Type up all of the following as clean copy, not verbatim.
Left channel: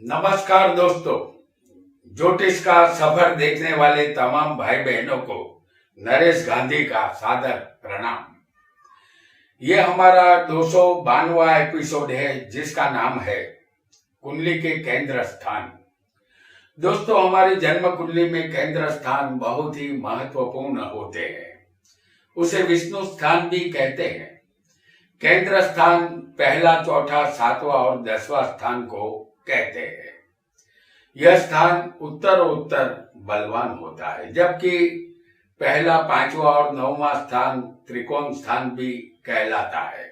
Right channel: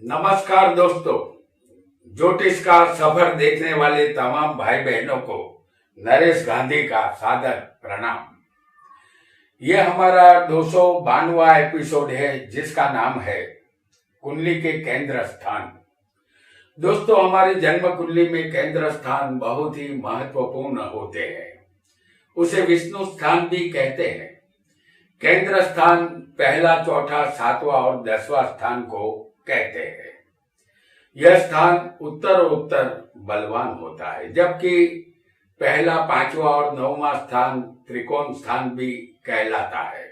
नमस्कार दोस्तों। ज्योतिष का सफर देखने वाले तमाम भाई बहनों को नरेश गांधी का सादर प्रणाम। यह हमारा 292वां एपिसोड है जिसका नाम है कुंडली के केंद्र स्थान। दोस्तों, हमारी जन्म कुंडली में केंद्र स्थान बहुत ही महत्वपूर्ण होते हैं। उसे विष्णु स्थान भी कहते हैं। केंद्र स्थान पहला, चौथा, सातवां और 10वां स्थान को कहते हैं। यह स्थान उत्तर बलवान होता है, जबकि पहला, पांचवा और 9वां स्थान त्रिकोण स्थान भी कहलाता है।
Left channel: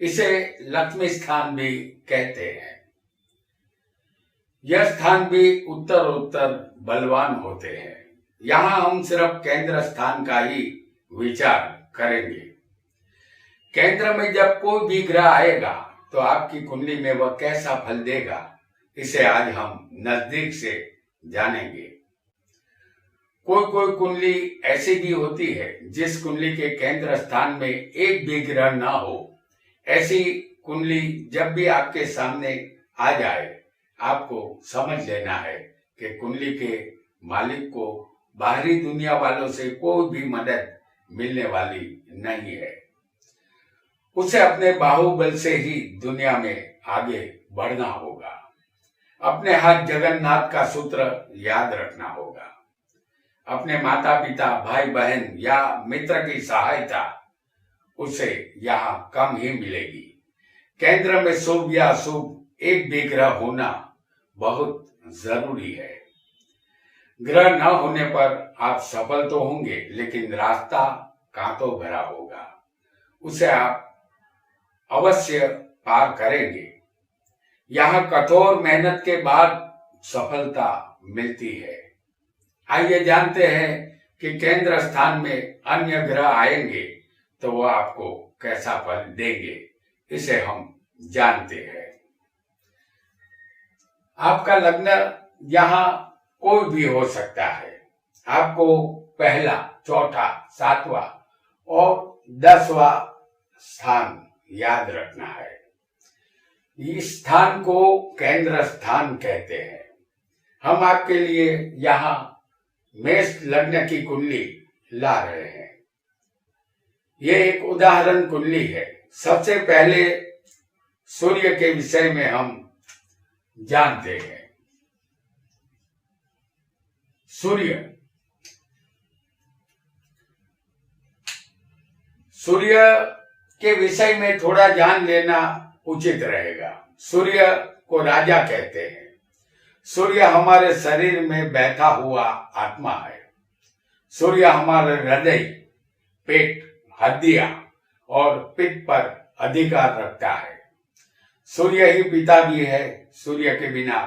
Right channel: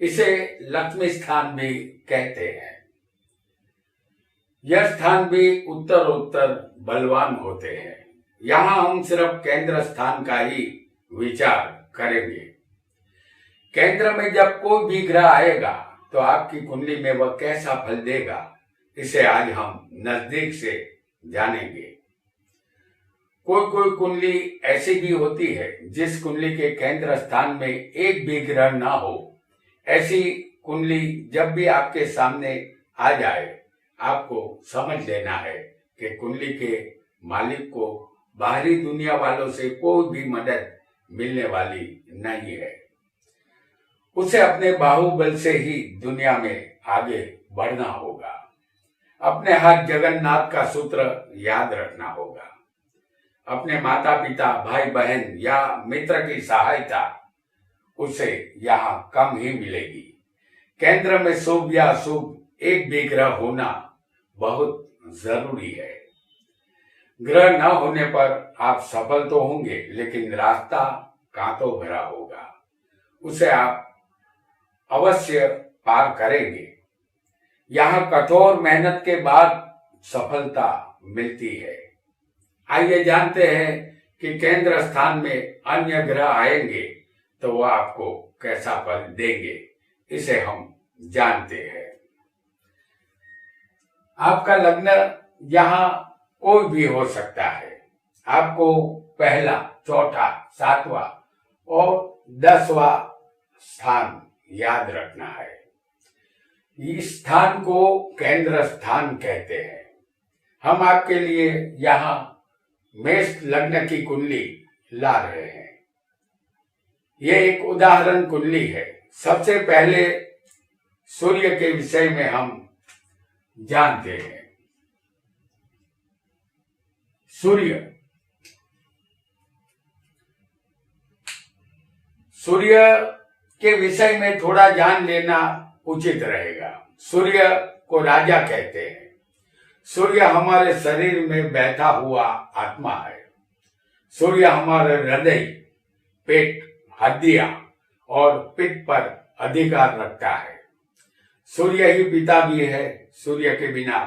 इसे लक्ष्मी स्थान भी कहते हैं। यह स्थान भी उत्तर बलवान होते हैं। यहाँ हम सिर्फ केंद्र स्थान का ही विचार करेंगे। केंद्र में जब कोई भी ग्रह आएगा तो आपकी कुंडली में वह कैसा फल देगा, इसे आज हम नजदीक से जानेंगे। कोई कुंडली ऐसी भी होती है जिस कुंडली के केंद्र स्थान में एक भी ग्रह ना हो। ऐसी कुंडली जब भी आपके सामने आ जाए, आपको समझ लेना है कि कुंडली के मालिक को बाहरी दुनिया वालों से कोई भी मदद मिलने वाली नहीं है। उसे अपने बाहुबल से ही दुनिया में आगे बढ़ना होगा। अपने हाथ जगन्नाथ का सूत्र याद रखना होगा। अपने माता पिता, भाई बहन या मित्र की सहायता उसे यहाँ कम ही मिलेगी। केंद्र में शुभ या अशुभ एक भी ग्रह होना बहुत जरूरी है। ग्रह न होने पर आप सफल तो होंगे, लेकिन रास्ता कांटों भरा होगा। उसे आप अवश्य पार करेंगे। यहाँ कठोर मेहनत के बाद सफलता मिलती है। आइए जानते हैं कि केंद्र स्थान में अन्य ग्रह आएंगे तो वह आपको कैसा फल देंगे। इसे हम जानते हैं। आपका लग्न यहाँ कोई भी हो सकता है। आपको पहला, चौथा, सातवां और 10वां स्थान याद रखना है। इस स्थान को केंद्र स्थान कहते हैं। हम आपके लिए यहाँ मेष लग्न की कुंडली ला रहे हैं। यह एक उदाहरण कुंडली है। सबसे पहले सूर्य के विषय में हम जानते हैं। सूर्य के विषय में थोड़ा जान लेना उचित रहेगा। सूर्य को राजा कहते हैं। सूर्य हमारे शरीर में बैठा हुआ आत्मा है। सूर्य हमारे हृदय, पेट, हड्डियां और पित्त पर अधिकार रखता है। सूर्य ही पिता भी है। सूर्य के बिना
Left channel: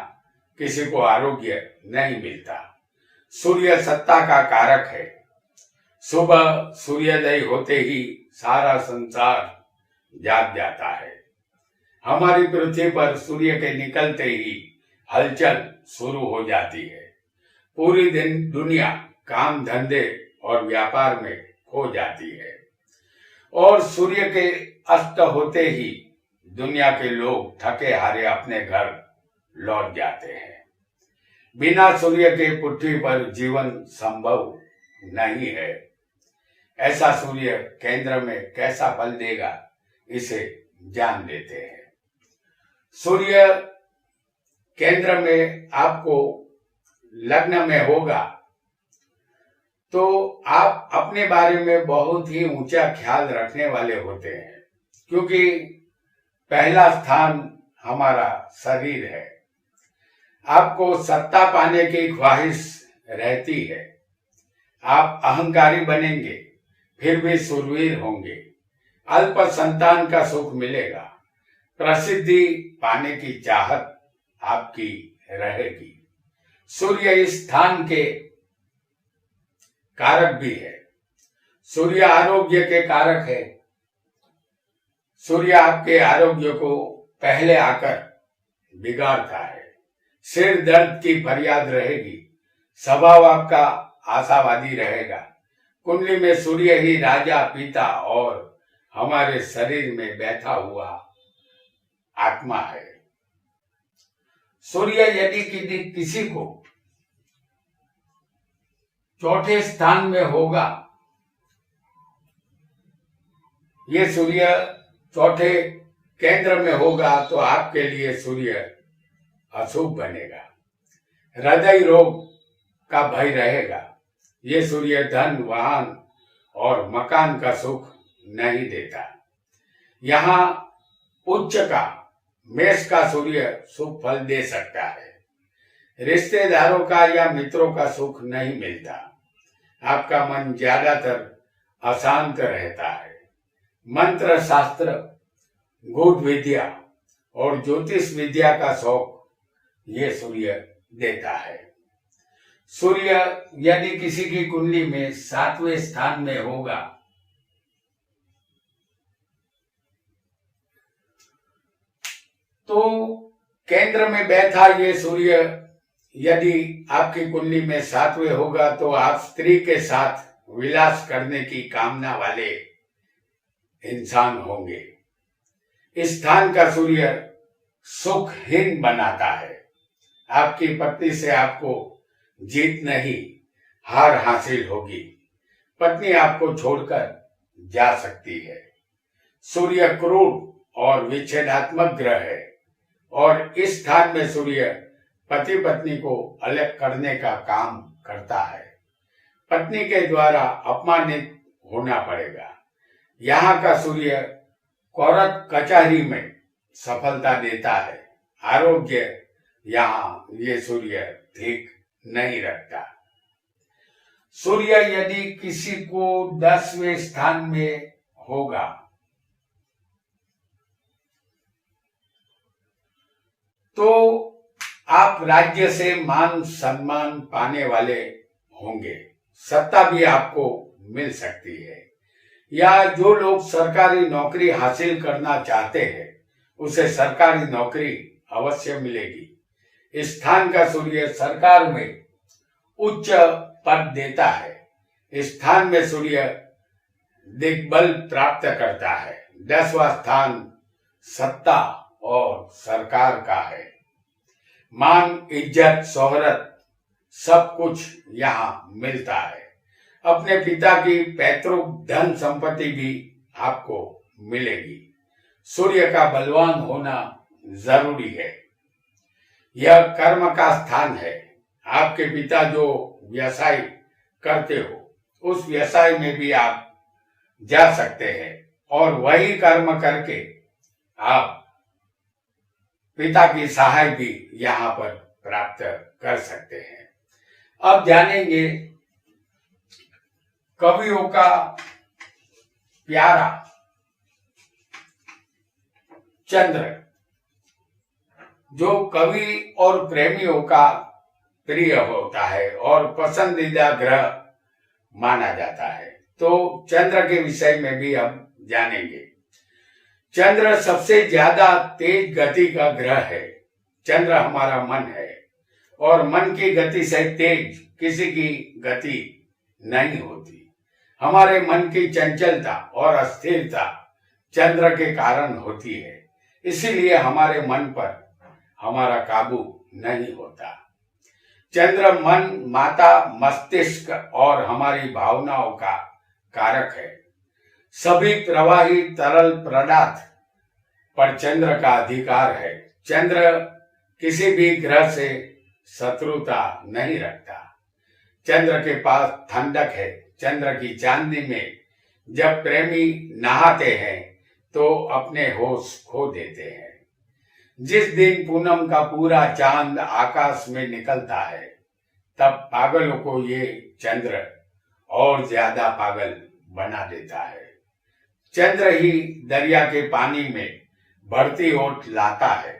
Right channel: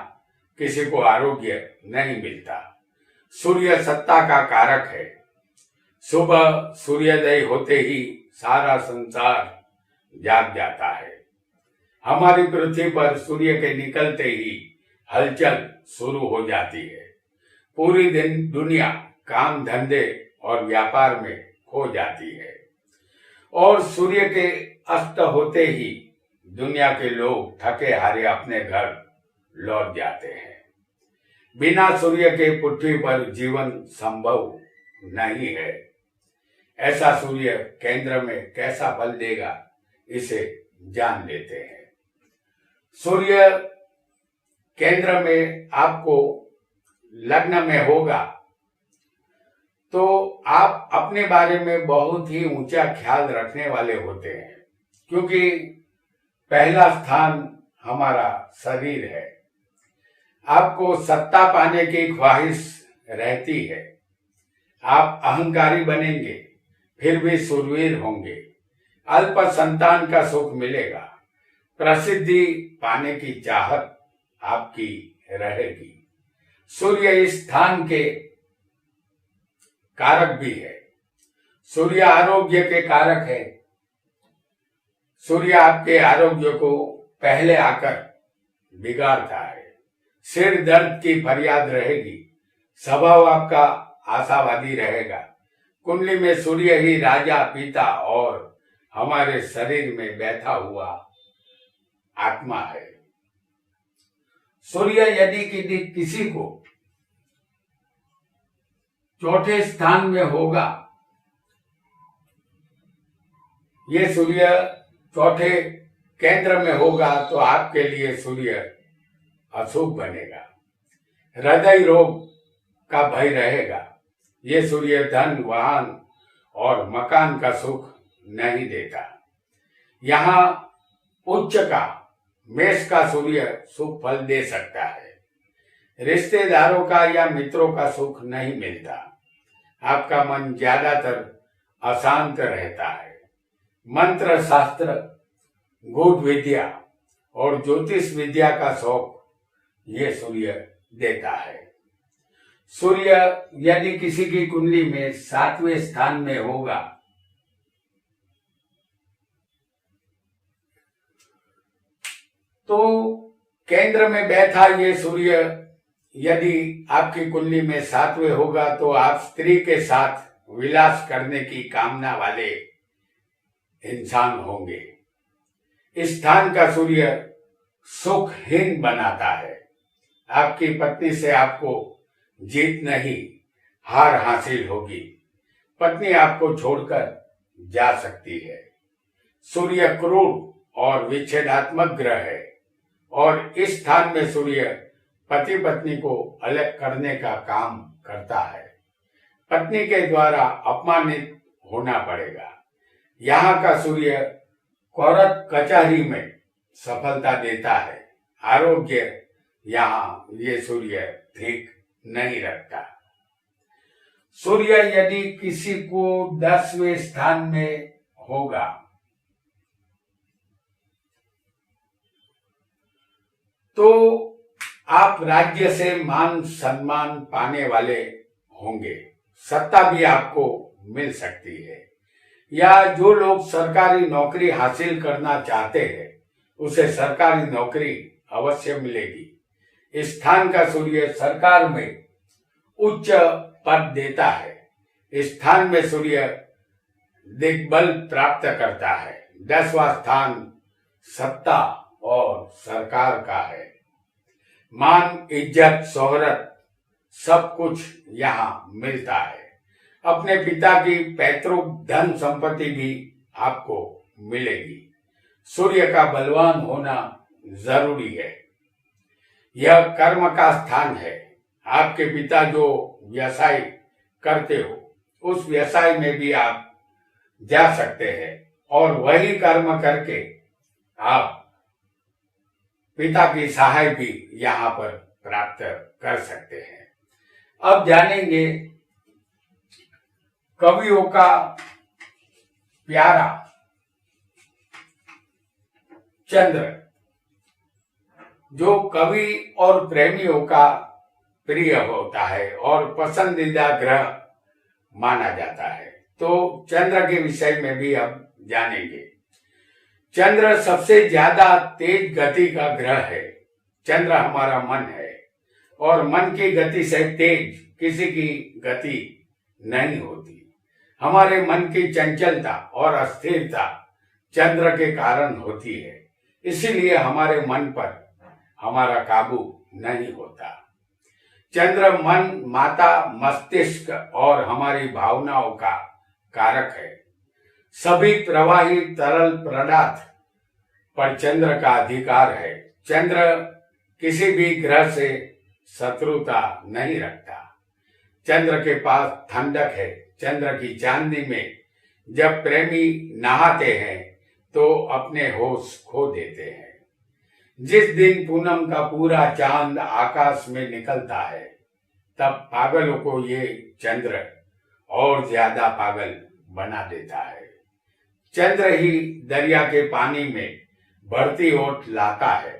किसी को आरोग्य नहीं मिलता। सूर्य सत्ता का कारक है। सुबह सूर्योदय होते ही सारा संसार जाग जाता है। हमारी पृथ्वी पर सूर्य के निकलते ही हलचल शुरू हो जाती है। पूरी दिन दुनिया काम धंधे और व्यापार में खो जाती है और सूर्य के अस्त होते ही दुनिया के लोग थके हारे अपने घर लौट जाते हैं। बिना सूर्य के पृथ्वी पर जीवन संभव नहीं है। ऐसा सूर्य केंद्र में कैसा फल देगा, इसे जान लेते हैं। सूर्य केंद्र में आपको लग्न में होगा तो आप अपने बारे में बहुत ही ऊंचा ख्याल रखने वाले होते हैं, क्योंकि पहला स्थान हमारा शरीर है। आपको सत्ता पाने की ख्वाहिश रहती है। आप अहंकारी बनेंगे, फिर भी शूरवीर होंगे। अल्प संतान का सुख मिलेगा। प्रसिद्धि पाने की चाहत आपकी रहेगी। सूर्य इस स्थान के कारक भी है। सूर्य आरोग्य के कारक है। सूर्य आपके आरोग्य को पहले आकर बिगाड़ता है। सिर दर्द की फरियाद रहेगी। स्वभाव आपका आशावादी रहेगा। कुंडली में सूर्य ही राजा, पिता और हमारे शरीर में बैठा हुआ आत्मा है। सूर्य यदि किसी को चौथे स्थान में होगा, ये सूर्य चौथे केंद्र में होगा, तो आपके लिए सूर्य अशुभ बनेगा। हृदय रोग का भय रहेगा। ये सूर्य धन, वाहन और मकान का सुख नहीं देता। यहाँ उच्च का मेष का सूर्य सुख फल दे सकता है। रिश्तेदारों का या मित्रों का सुख नहीं मिलता। आपका मन ज्यादातर अशांत रहता है। मंत्र शास्त्र, गूढ़ विद्या और ज्योतिष विद्या का शौक ये सूर्य देता है। सूर्य यदि किसी की कुंडली में 7वें स्थान में होगा, तो केंद्र में बैठा ये सूर्य यदि आपकी कुंडली में 7वें होगा, तो आप स्त्री के साथ विलास करने की कामना वाले इंसान होंगे। इस स्थान का सूर्य सुखहीन बनाता है। आपकी पत्नी से आपको जीत नहीं, हार हासिल होगी। पत्नी आपको छोड़कर जा सकती है। सूर्य क्रूर और विच्छेदात्मक ग्रह है और इस स्थान में सूर्य पति पत्नी को अलग करने का काम करता है। पत्नी के द्वारा अपमानित होना पड़ेगा। यहाँ का सूर्य कोर्ट कचहरी में सफलता देता है। आरोग्य यहाँ ये सूर्य ठीक नहीं रखता। सूर्य यदि किसी को 10वें स्थान में होगा, तो आप राज्य से मान सम्मान पाने वाले होंगे। सत्ता भी आपको मिल सकती है, या जो लोग सरकारी नौकरी हासिल करना चाहते हैं उसे सरकारी नौकरी अवश्य मिलेगी। इस स्थान का सूर्य सरकार में उच्च पद देता है। इस स्थान में सूर्य दिग्बल प्राप्त करता है। 10वां स्थान सत्ता और सरकार का है। मान, इज्जत, शोहरत सब कुछ यहाँ मिलता है। अपने पिता की पैतृक धन संपत्ति भी आपको मिलेगी। सूर्य का बलवान होना जरूरी है। यह कर्म का स्थान है। आपके पिता जो व्यवसाय करते हो, उस व्यवसाय में भी आप जा सकते हैं और वही कर्म करके आप पिता की सहाय भी यहाँ पर प्राप्त कर सकते हैं। अब जानेंगे कवियों का प्यारा चंद्र, जो कवि और प्रेमियों का प्रिय होता है और पसंदीदा ग्रह माना जाता है। तो चंद्र के विषय में भी हम जानेंगे। चंद्र सबसे ज्यादा तेज गति का ग्रह है। चंद्र हमारा मन है और मन की गति से तेज किसी की गति नहीं होती। हमारे मन की चंचलता और अस्थिरता चंद्र के कारण होती है। इसीलिए हमारे मन पर हमारा काबू नहीं होता। चंद्र मन, माता, मस्तिष्क और हमारी भावनाओं का कारक है। सभी प्रवाही तरल पदार्थ पर चंद्र का अधिकार है। चंद्र किसी भी ग्रह से शत्रुता नहीं रखता। चंद्र के पास ठंडक है। चंद्र की चांदनी में जब प्रेमी नहाते हैं तो अपने होश खो देते हैं। जिस दिन पूनम का पूरा चांद आकाश में निकलता है, तब पागलों को ये चंद्र और ज्यादा पागल बना देता है। चंद्र ही दरिया के पानी में बढ़ती ओट लाता है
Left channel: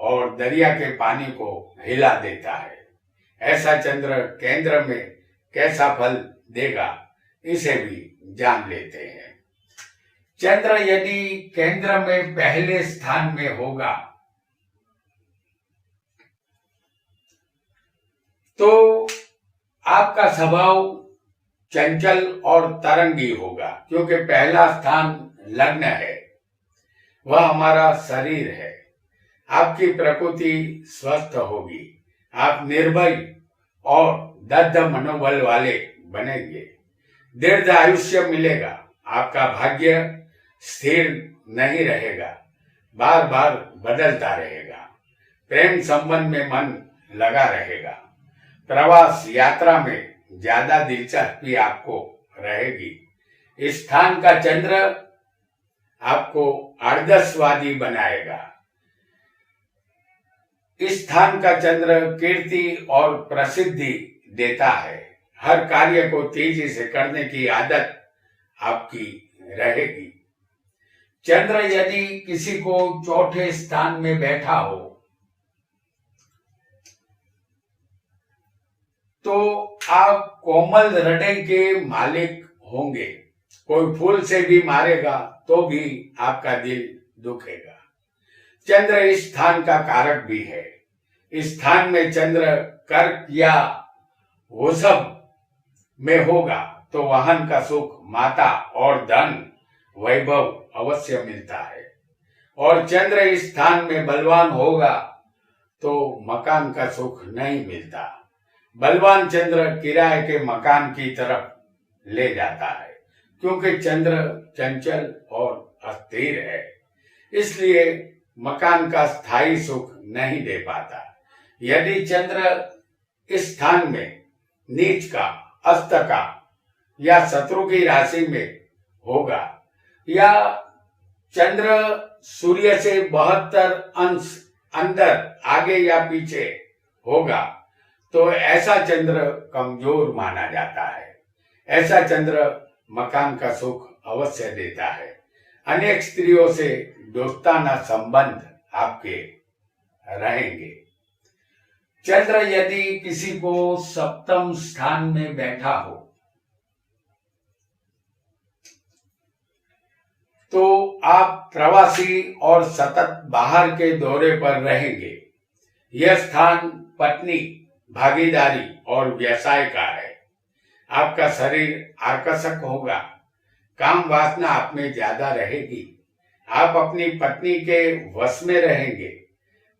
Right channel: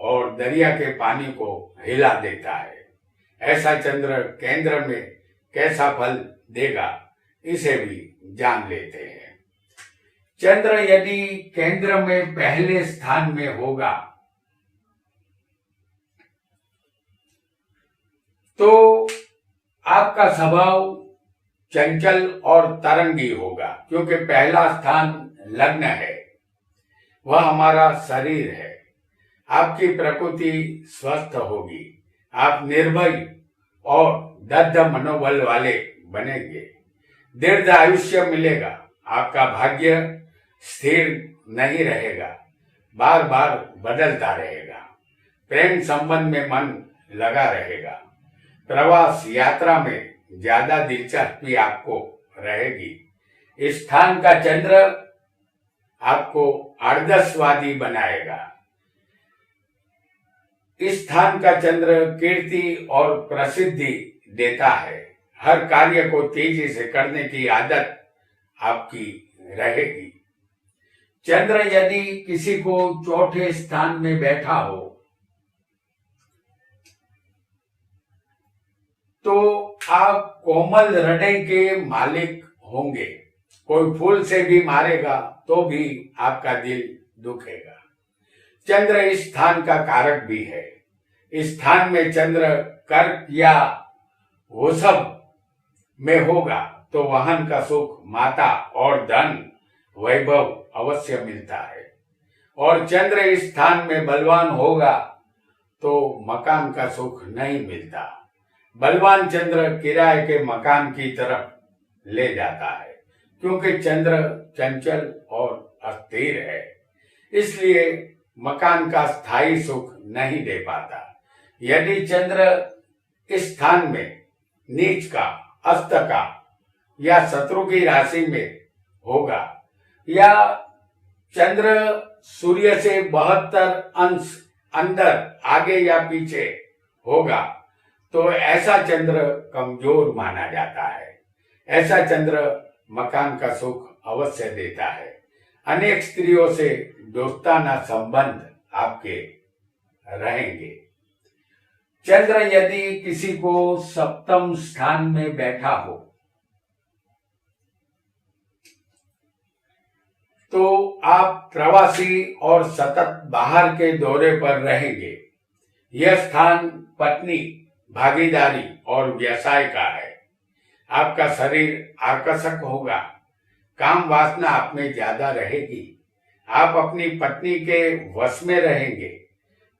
और दरिया के पानी को हिला देता है। ऐसा चंद्र केंद्र में कैसा फल देगा, इसे भी जान लेते हैं। चंद्र यदि केंद्र में पहले स्थान में होगा, तो आपका स्वभाव चंचल और तरंगी होगा, क्योंकि पहला स्थान लग्न है, वह हमारा शरीर है। आपकी प्रकृति स्वस्थ होगी, आप निर्भय और दृढ़ मनोबल वाले बनेंगे, दीर्घ आयुष्य मिलेगा, आपका भाग्य स्थिर नहीं रहेगा, बार बार बदलता रहेगा, प्रेम संबंध में मन लगा रहेगा, प्रवास यात्रा में ज्यादा दिलचस्पी आपको रहेगी, इस स्थान का चंद्र आपको आदर्शवादी बनाएगा, इस स्थान का चंद्र कीर्ति और प्रसिद्धि देता है, हर कार्य को तेजी से करने की आदत आपकी रहेगी। चंद्र यदि किसी को चौथे स्थान में बैठा हो तो आप कोमल हृदय के मालिक होंगे, कोई फूल से भी मारेगा तो भी आपका दिल दुखेगा। चंद्र इस स्थान का कारक भी है, इस स्थान में चंद्र कर्क या वृषभ में होगा तो वाहन का सुख, माता और धन वैभव अवश्य मिलता है, और चंद्र इस स्थान में बलवान होगा तो मकान का सुख नहीं मिलता। बलवान चंद्र किराए के मकान की तरफ ले जाता है, क्योंकि चंद्र चंचल और अस्थिर है, इसलिए मकान का स्थायी सुख नहीं दे पाता। यदि चंद्र इस स्थान में नीच का, अस्त का या शत्रु की राशि में होगा, या चंद्र सूर्य से 72 अंश अंदर आगे या पीछे होगा तो ऐसा चंद्र कमजोर माना जाता है। ऐसा चंद्र मकान का सुख अवश्य देता है। अनेक स्त्रियों से दोस्ताना संबंध आपके रहेंगे। चंद्र यदि किसी को सप्तम स्थान में बैठा हो तो आप प्रवासी और सतत बाहर के दौरे पर रहेंगे। यह स्थान पत्नी, भागीदारी और व्यवसाय का है। आपका शरीर आकर्षक होगा, काम वासना आप में ज्यादा रहेगी, आप अपनी पत्नी के वश में रहेंगे।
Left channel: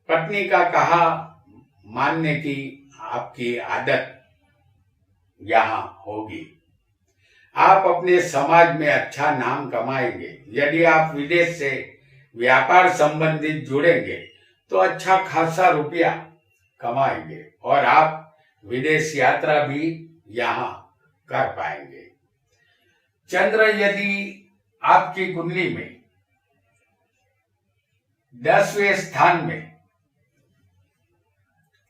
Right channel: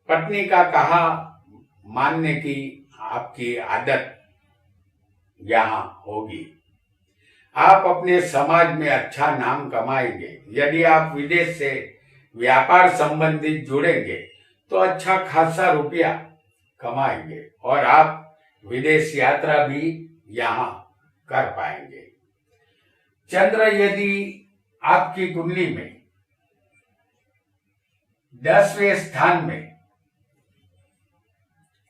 पत्नी का कहा मानने की आपकी आदत यहाँ होगी। आप अपने समाज में अच्छा नाम कमाएंगे। यदि आप विदेश से व्यापार संबंधित जुड़ेंगे तो अच्छा खासा रुपया कमाएंगे और आप विदेश यात्रा भी यहाँ कर पाएंगे। चंद्र यदि आपकी कुंडली में 10वें स्थान में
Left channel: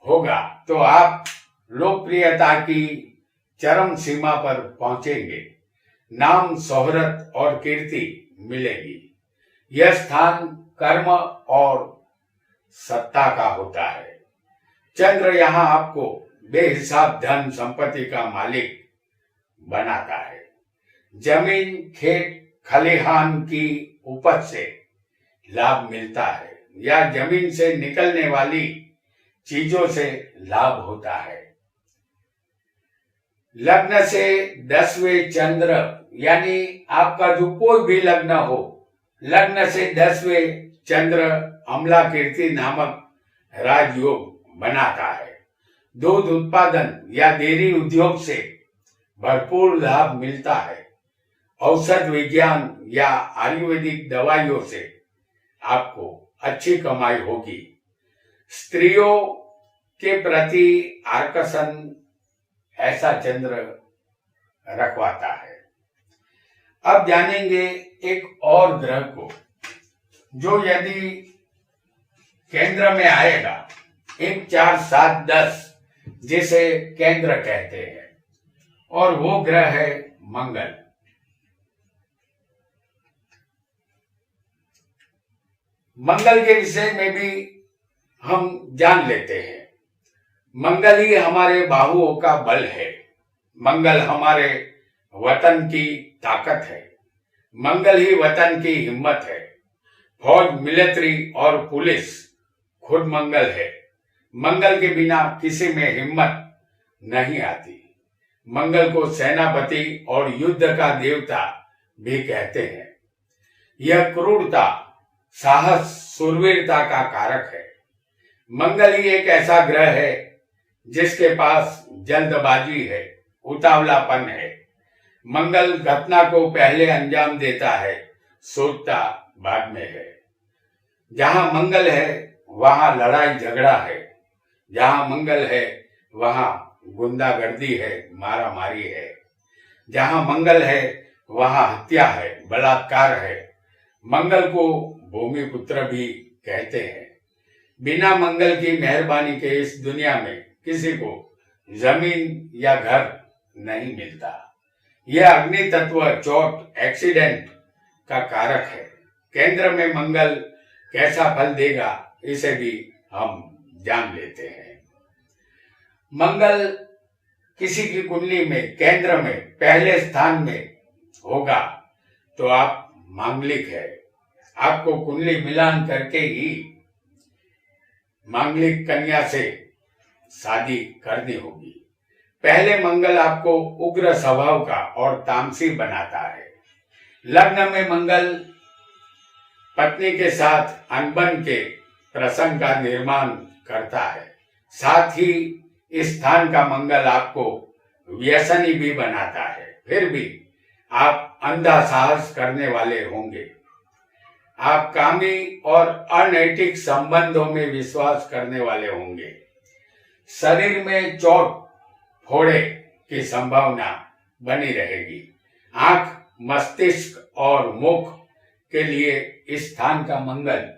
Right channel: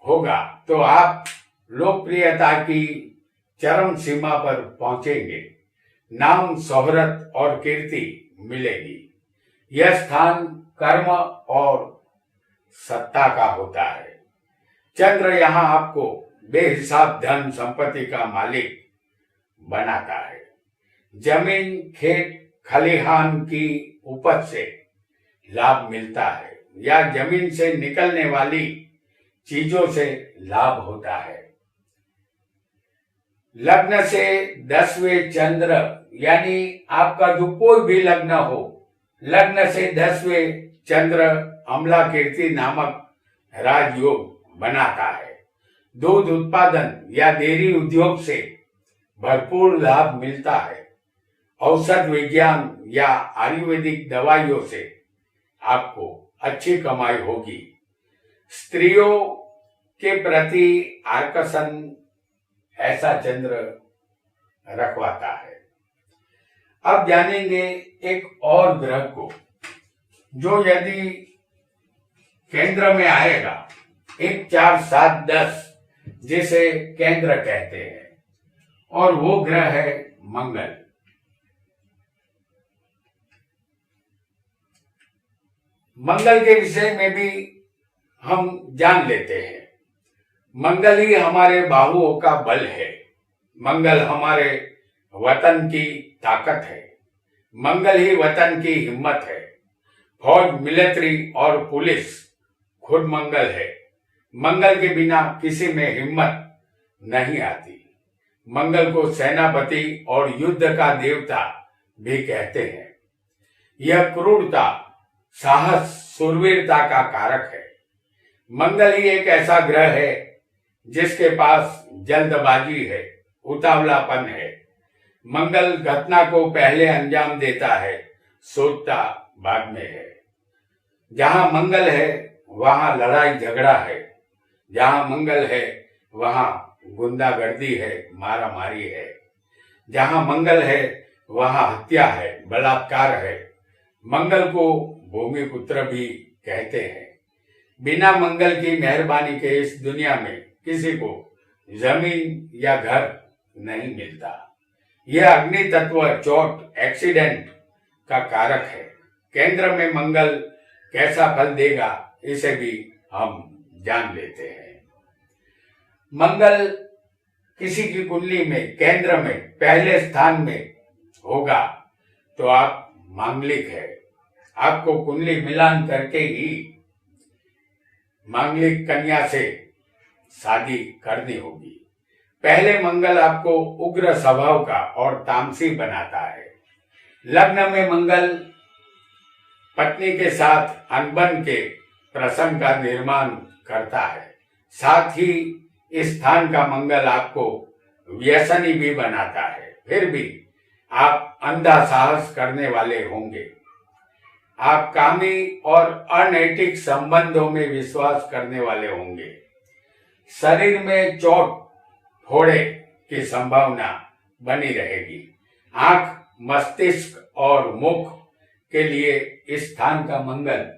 होगा तो आप लोकप्रियता की चरम सीमा पर पहुंचेंगे, नाम, शोहरत और कीर्ति मिलेगी। यह स्थान कर्म और सत्ता का होता है। चंद्र यहाँ आपको बेहिसाब धन संपत्ति का मालिक बनाता है। जमीन, खेत, खलिहान की उपज से लाभ मिलता है या जमीन से निकलने वाली चीजों से लाभ होता है। लग्न से 10वें चंद्र, यानी आपका जो कोई भी लग्न हो, लग्न से 10वें चंद्र अम्ला कीर्ति नामक राजयोग बनाता है। दूध उत्पादन या डेयरी उद्योग से भरपूर लाभ मिलता है। औषध विज्ञान या आयुर्वेदिक दवाइयों से आपको अच्छी कमाई होगी। स्त्रियों के प्रति आकर्षण ऐसा चंद्र रखवाता है। अब जानेंगे एक और ग्रह को जो यदि केंद्र में आएगा, 1, 4, 7, 10 जिसे केंद्र कहते हैं, और वो ग्रह है मंगल। मंगल के विषय में भी हम जान लेते हैं। मंगल ही हमारे बाहुओं का बल है, मंगल हमारे वतन की ताकत है, मंगल ही वतन की हिम्मत है। फौज, मिलिट्री और पुलिस खुद मंगल है। मंगल के बिना किसी में हिम्मत नहीं आती। मंगल को सेनापति और युद्ध का देवता भी कहते हैं। यह क्रूरता, साहस शूरवीरता का कारक है। मंगल ही एक ऐसा ग्रह है जिसके पास जल्दबाजी है, उतावलापन है। मंगल घटना को पहले अंजाम देता है, सोचता बाद में है। जहां मंगल है वहां लड़ाई झगड़ा है, जहां मंगल है वहां गुंडागर्दी है, मारा मारी है। जहां मंगल है वहां हत्या है, बलात्कार है। मंगल को भूमिपुत्र भी कहते हैं। बिना मंगल की मेहरबानी के इस दुनिया में किसी को जमीन या घर नहीं मिलता। यह अग्नि तत्व चोट एक्सीडेंट का कारक है। केंद्र में मंगल कैसा फल देगा इसे भी हम जान लेते हैं। मंगल किसी की कुंडली में केंद्र में पहले स्थान में होगा तो आप मांगलिक है। आपको कुंडली मिलान करके ही मांगलिक कन्या से शादी करनी होगी। पहले मंगल आपको उग्र स्वभाव का और तामसी बनाता है। लग्न में मंगल पत्नी के साथ अनबन के प्रसंग का निर्माण करता है। साथ ही इस स्थान का मंगल आपको व्यसनी भी बनाता है। फिर भी आप अंधा साहस करने वाले होंगे। आप कामी और अनैतिक संबंधों में विश्वास करने वाले होंगे। शरीर में चोट फोड़े की संभावना बनी रहेगी। आंख, मस्तिष्क और मुख के लिए इस स्थान का मंगल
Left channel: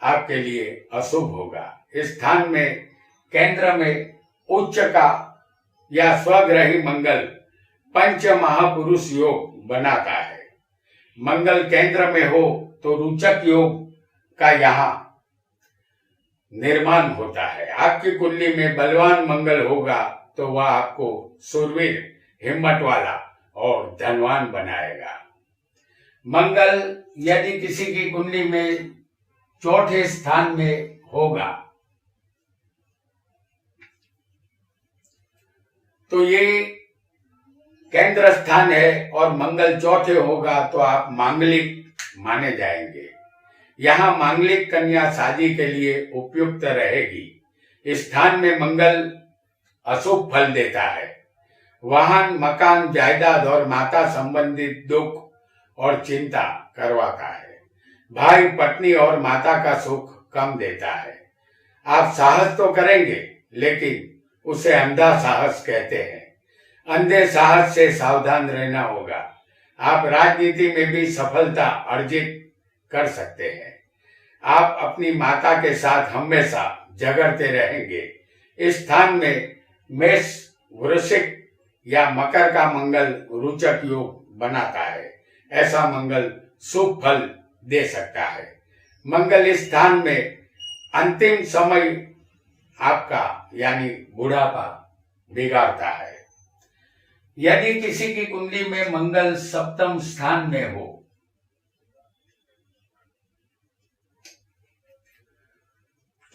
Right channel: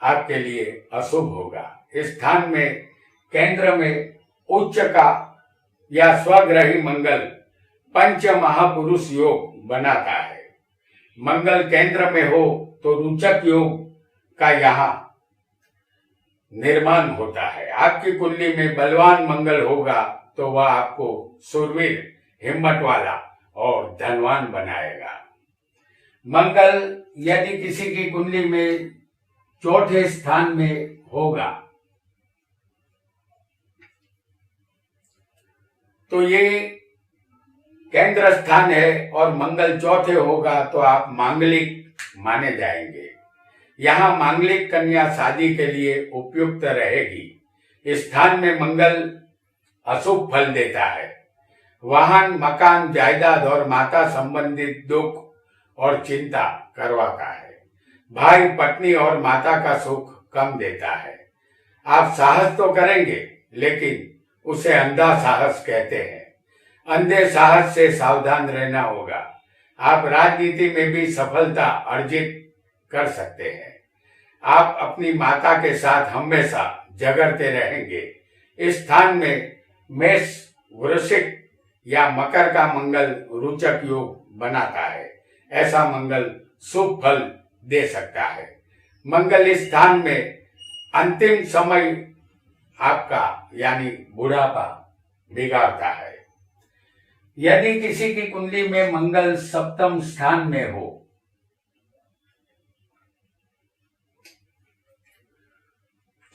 आपके लिए अशुभ होगा। इस स्थान में केंद्र में उच्च का या स्वग्रही मंगल पंच महापुरुष योग बनाता है। मंगल केंद्र में हो तो रुचक योग का यहाँ निर्माण होता है। आपकी कुंडली में बलवान मंगल होगा तो वह आपको शूरवीर, हिम्मत वाला और धनवान बनाएगा। मंगल यदि किसी की कुंडली में चौथे स्थान में होगा तो ये केंद्र स्थान है और मंगल चौथे होगा तो आप मांगलिक माने जाएंगे। यहाँ मांगलिक कन्या शादी के लिए उपयुक्त रहेगी। इस स्थान में मंगल अशुभ फल देता है। वाहन, मकान, जायदाद और माता संबंधित दुख और चिंता करवाता है। भाई, पत्नी और माता का सुख कम देता है। आप साहस तो करेंगे लेकिन उसे अंधा साहस कहते हैं। अंधे साहस से सावधान रहना होगा। आप राजनीति में भी सफलता अर्जित कर सकते हैं। आप अपनी माता के साथ हमेशा झगड़ते रहेंगे। इस स्थान में मेष, वृश्चिक या मकर का मंगल रुचक योग बनाता है। ऐसा मंगल शुभ फल दे सकता है। मंगल इस स्थान में अंतिम समय आपका यानी बुढ़ापा बिगाड़ता है। यदि किसी की कुंडली में मंगल सप्तम स्थान में हो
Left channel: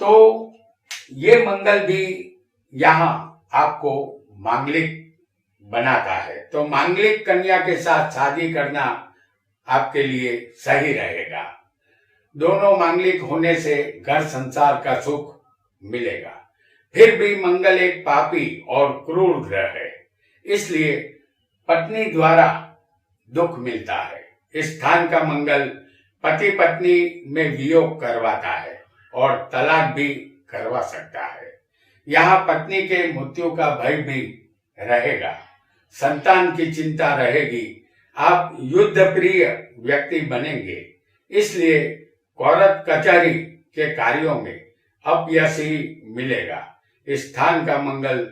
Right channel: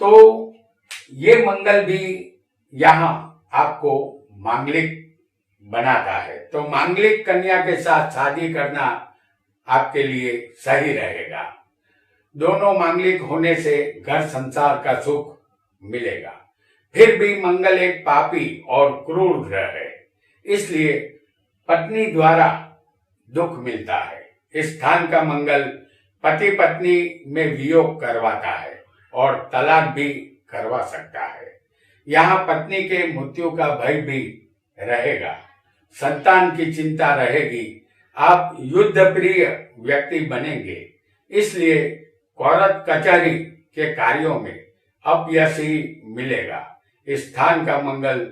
तो ये मंगल भी यहाँ आपको मांगलिक बनाता है। तो मांगलिक कन्या के साथ शादी करना आपके लिए सही रहेगा। दोनों मांगलिक होने से घर संसार का सुख मिलेगा। फिर भी मंगल एक पापी और क्रूर ग्रह है, इसलिए पत्नी द्वारा दुख मिलता है। इस स्थान का मंगल पति पत्नी में वियोग करवाता है और तलाक भी करवा सकता है। यहाँ पत्नी के मृत्यु का भय भी रहेगा। संतान की चिंता रहेगी। आप युद्ध प्रिय व्यक्ति बनेंगे, इसलिए कोर्ट कचहरी के कार्यों में अपयश ही मिलेगा। इस स्थान का मंगल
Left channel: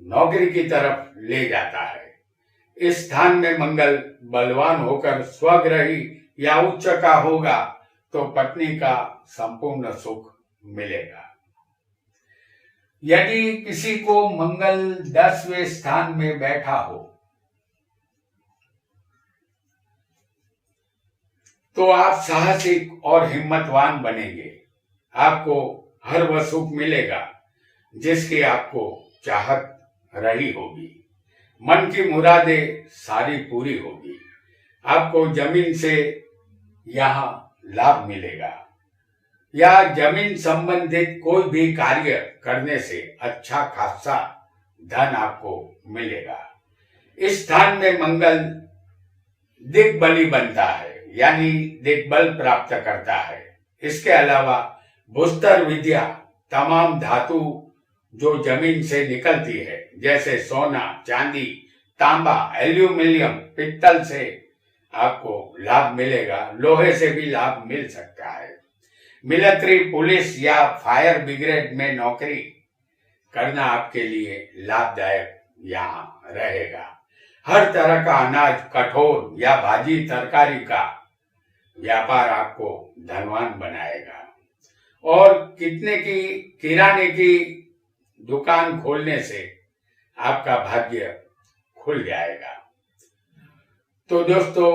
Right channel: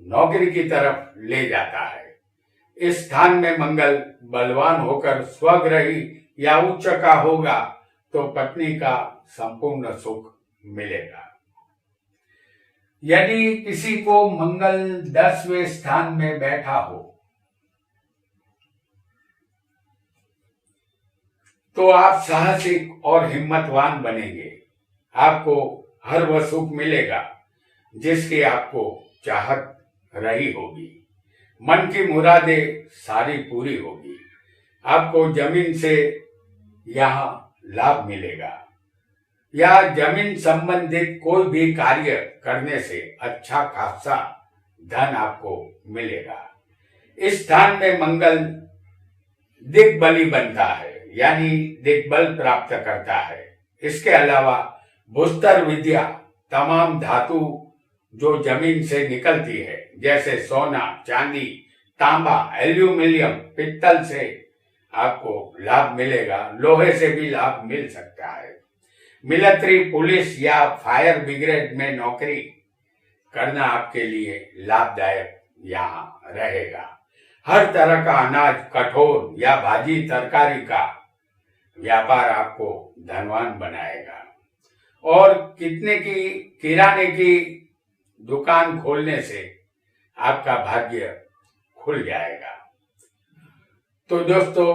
नौकरी की तरफ ले जाता है। इस स्थान में मंगल बलवान होकर स्वग्रही या उच्च का होगा तो पत्नी का संपूर्ण सुख मिलेगा। यदि किसी को मंगल 10वें स्थान में बैठा हो तो आप साहसिक और हिम्मतवान बनेंगे। आपको हर वह सुख मिलेगा जिसकी आपको चाहत रही होगी। मन की मुरादें सारी पूरी होगी। आपको जमीन से यहाँ लाभ मिलेगा, या जमीन संबंधित कोई भी कार्य करने से अच्छा खासा धन आपको मिलेगा। इस स्थान में मंगल दिग्बली बनता है, यानी दिग्बल प्राप्त करता है। इसके अलावा भूस्तर विद्या, तमाम धातु जो जमीन से निकलती है, जैसे सोना, चांदी, तांबा, एल्यूमिनियम, पित्तल से आपको लाभ मिलेगा। लोहे से भी लाभ मिल सकता है। मिलिट्री, पुलिस या फायर ब्रिगेड में नौकरी करना आपके लिए लाभदायक यहाँ रहेगा। हर तरह का अनाज, कठोर या भाजी तरकारी का व्यापार आपको धनवान बनाएगा। और किराने की दुकान खोलने से आपका भाग्य खुल जाएगा। तो दोस्तों,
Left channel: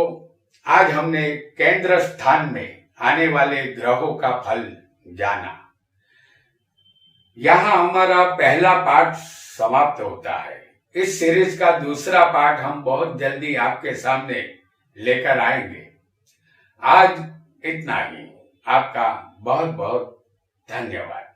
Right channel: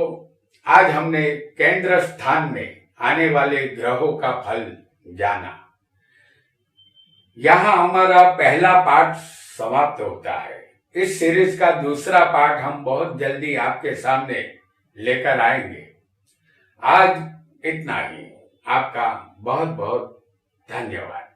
आज हमने केंद्र स्थान में आने वाले ग्रहों का फल जाना। यहाँ हमारा पहला पार्ट समाप्त होता है। इस सीरीज का दूसरा पार्ट हम बहुत जल्दी आपके सामने लेकर आएंगे। आज इतना ही। आपका बहुत बहुत धन्यवाद।